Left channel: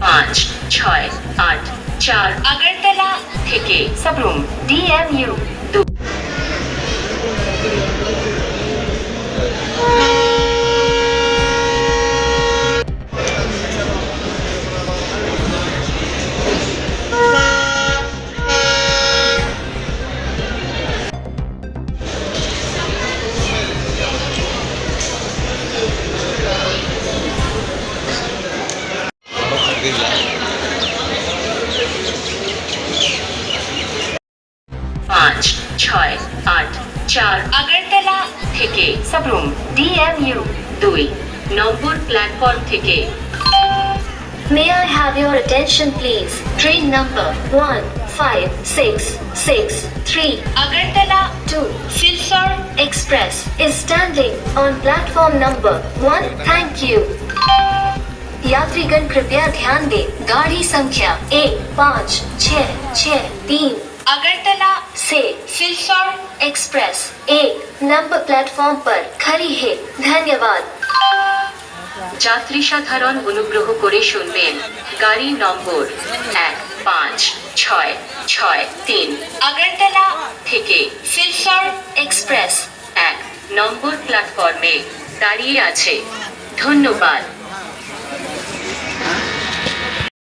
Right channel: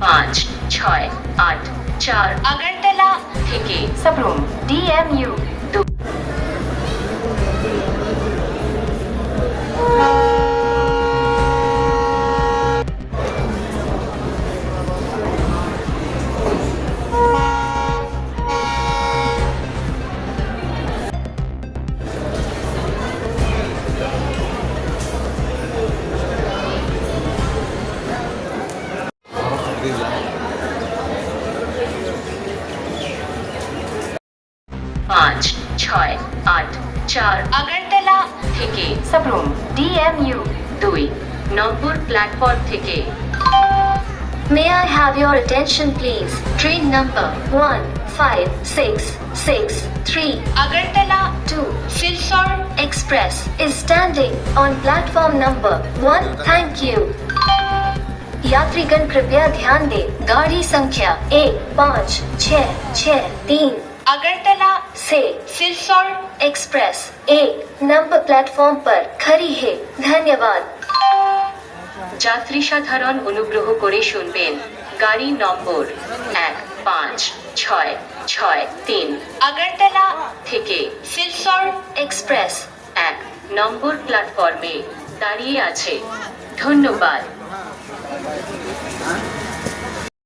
5, 6, 8, 4 আগরতলা থেকে सबरूम DMU 2 5, 6, 8, 4 আগরতলা থেকে Sabroom DMU 2 নম্বর platform থেকে May I have your attention please? Train number 1563 Agartala to Silsor Express is standing on platform number 1. Thank you. यात्रीगण कृपया ध्यान दें, गाड़ी संख्या 1563 আগরতলা से Silsor एक्सप्रेस 1 नंबर प्लेटफॉर्म पर खड़ी है। धन्यवाद। যাত্রী সাধারণ অনুগ্রহ করে শুনবেন, গাড়ি নম্বর 1563 আগরতলা থেকে সিলচর एक्सप्रेस 1 নম্বর প্ল্যাটফর্মে দাঁড়িয়ে আছে। ধন্যবাদ।